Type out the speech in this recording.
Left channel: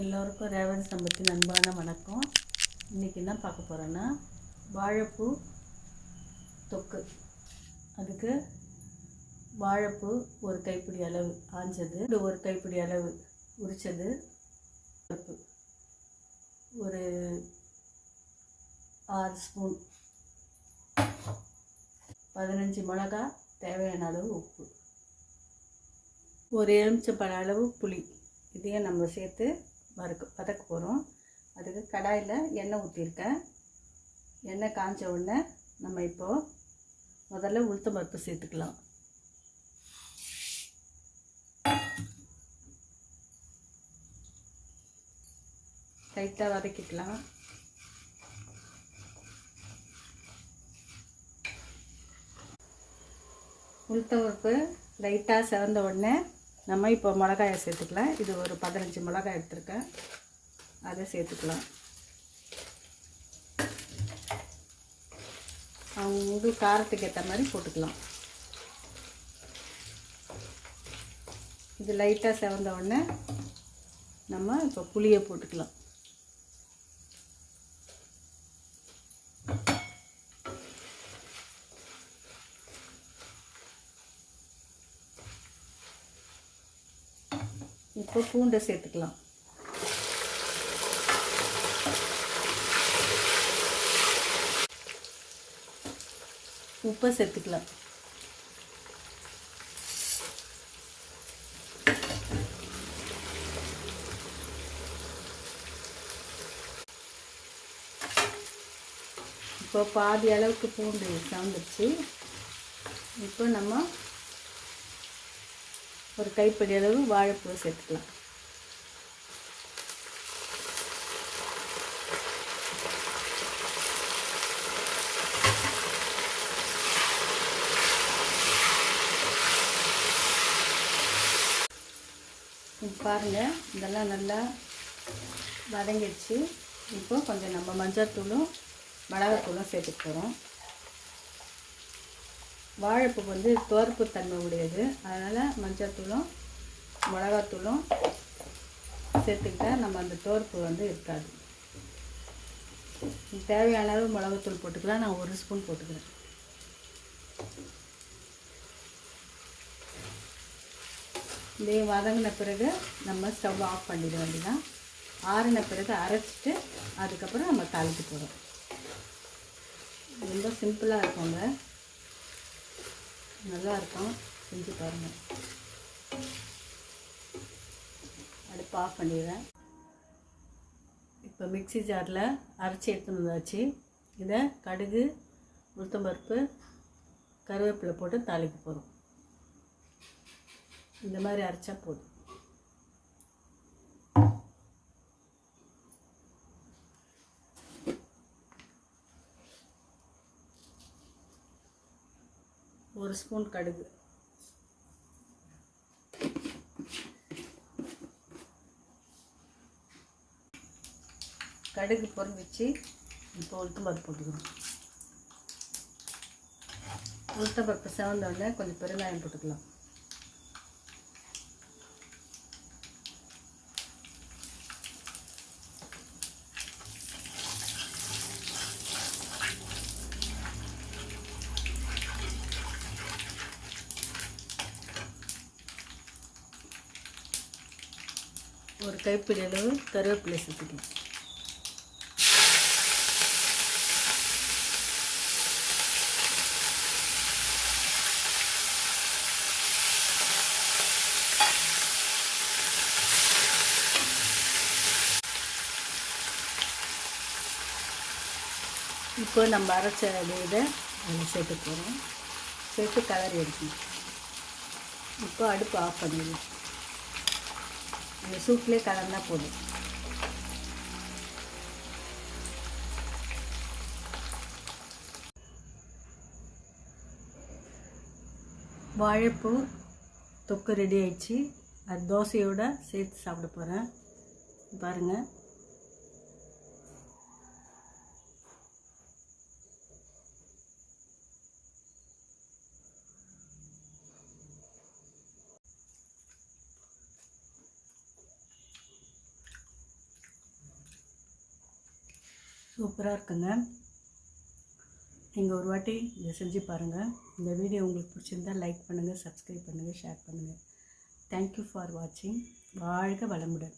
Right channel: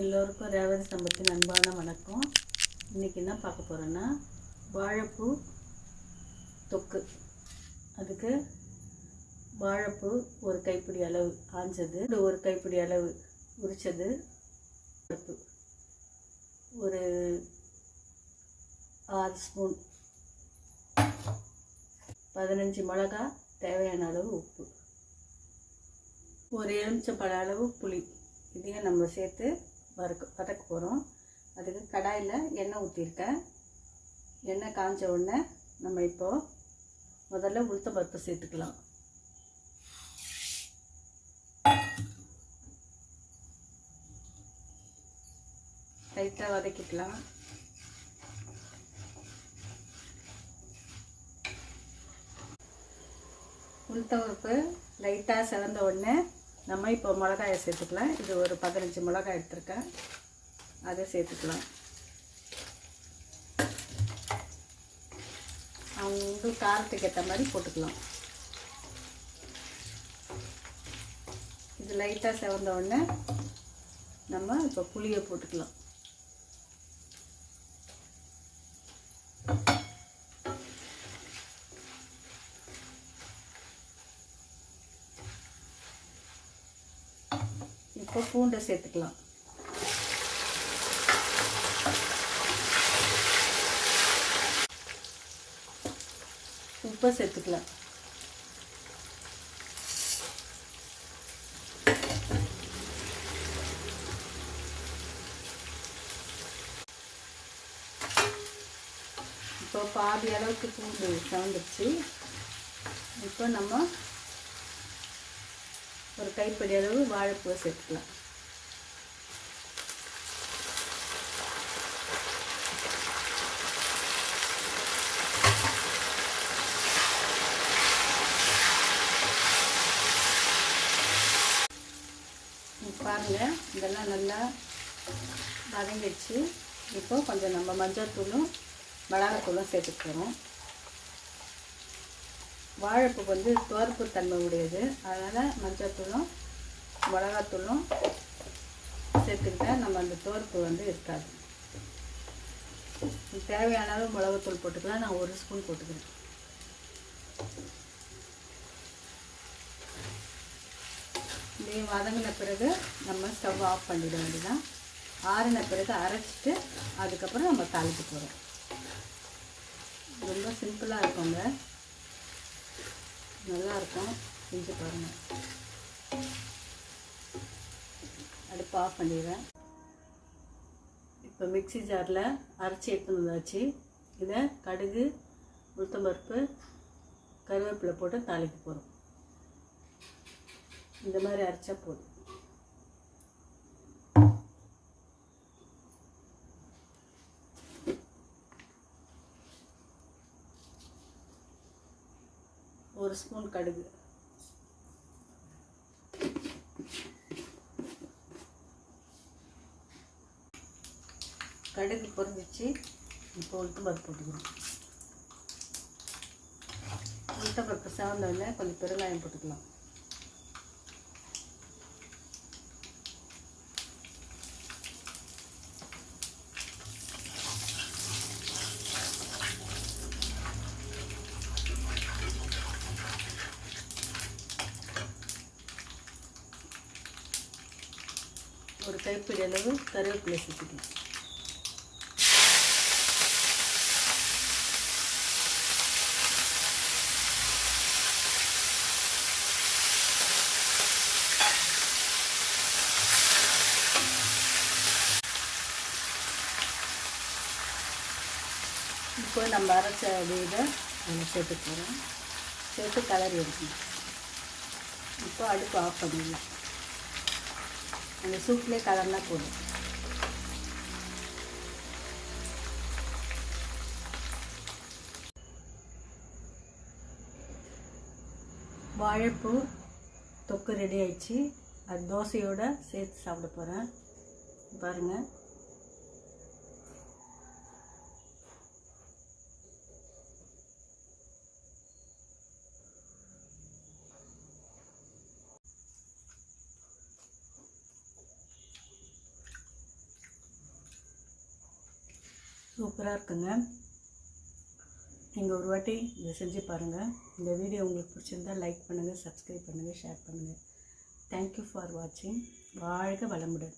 எல்லோருக்கும் ரேவதி சம்பத்தின் அன்பான வணக்கம். இன்றைக்கி என்ன பார்க்க போகிறோன்னா வாழைப்பூ தொக்கு. அதுக்கு வாழைப்பூ ஒரு கைப்பிடி அளவு ஆஞ்சது, ஒரு கைப்பிடி அளவு உரித்தது, பருப்பு ஒரு 6 ஸ்பூன், 15 மிளகா, தேவையான அளவு உப்பு, ஒரு எலுமிச்சம்பழ அளவு புளி. இதையும் நம்ம சேர்த்து வதக்க போகிறோம். அதுக்கு கடாயில் எண்ணெய் ஊற்றிருக்கேன். எண்ணெய் காஞ்ச உடனே நம்ம இப்போது முதல்ல உளுத்தம் பருப்பு சேர்த்துக்கலாம். லைட்டாக வதக்கிக்கலாம். உளுத்தம் பருப்பு லைட்டாக சிவந்த உடனே நம்ம இப்போ மிளகாயை சேர்த்துக்கலாம். இது ஒரு 15 மிளகாய் எடுத்துருக்கேன், அதை சேர்த்துக்கலாம். உங்களுக்கு காரத்துக்கு ஏற்ற மாதிரி போட்டுக்கலாம். இது லைட்டாக சிவந்த உடனே நம்ம இப்போ புளியை போட்டுக்கலாம். இப்போ பூண்டை சேர்த்துக்கலாம். உப்பு சேர்த்துக்கலாம். இப்போ பாதி அளவுக்கு பூண்டு சாந்துச்சு. இப்போ நம்ம ஒரு கைப்பிடி அளவு வாழைப்பூ சேர்த்துக்கலாம். பாருங்கள், இதெல்லாம் நல்லா வதங்கிடுச்சு. இப்போ கொஞ்சம் நம்ம மஞ்சள்தூளும் மிளகாத்தூளும் சேர்த்துக்க போகிறோம். வாழைப்பூ வந்து துவர்ப்பு தன்மை உடையது, அதனால் மஞ்சள்தூளும் மிளகாத்தூளும் சேர்த்துக்கிட்டால் நம்ம அந்த துவர்ப்பு வந்து இருக்காது. தேவையான அளவு மிளகாத்தூள் போட்டுக்கலாம். நான் 1 ஸ்பூன் போட்டுக்கிறேன். இதே வதங்கின பிறகு நம்ம ஸ்டவ் ஆஃப் பண்ணிட வேண்டியதான். ஆறின பிறகு அரைச்சிட்டு அதுக்கப்புறம் நம்ம தாளிக்க போகிறோம். ரொம்ப சிம்பிளாக இருக்குங்க, நல்லாயிருக்கும், செஞ்சு பாருங்கள். அடுப்பு ஆஃப் பண்ணிடுவேன். இப்போ மிக்ஸி ஜாரில் அரைச்சி எடுத்துன்னு வந்தாச்சு. இதை கடுகு, உளுத்தம்பருப்பு, கருவேப்பிலை போட்டு தாளிக்க போகிறோம். இந்த மாதிரி அரைச்சா போதும். ஒரு ஸ்பூன் கடுகு, கடுகு பொரிச்சு இப்போ உளுத்தம்பருப்பு போட்டுக்கணும். உளுத்தம்பருப்பு செவந்த உடனே கொஞ்சம் பெருங்காயம் போட்டுக்கலாம். ஒரு கைப்பிடி அளவு கருவேப்பிலை சேர்த்துக்கலாம். இப்போ நம்ம அரைச்ச இதை அதில் சேர்த்து போகிறோம். சேர்த்து கலரி எடுக்கணும். இப்போ அடுப்பு ஆஃப் பண்ணிடலாம். அந்த சூப்லேயே கலர்னா போதும். வாழைப்பூ தொக்கு ரெடி ஆயிடுச்சு. அது தோசையோடு சேர்த்து சாப்பிட போகிறேன். பாருங்கள். சூப்பராக இருக்குங்க. நீங்கள் ஒரு வாட்டி இதை செஞ்சு பாருங்கள். இந்த வீடியோ உங்களுக்கு பிடிச்சிருந்தால் லைக் பண்ணுங்கள், சப்ஸ்கிரைப் பண்ணுங்கள், ஷேர் பண்ணுங்கள். தேங்க்யூ ஃபார் வாட்சிங். வாழ்க வளமுடன்.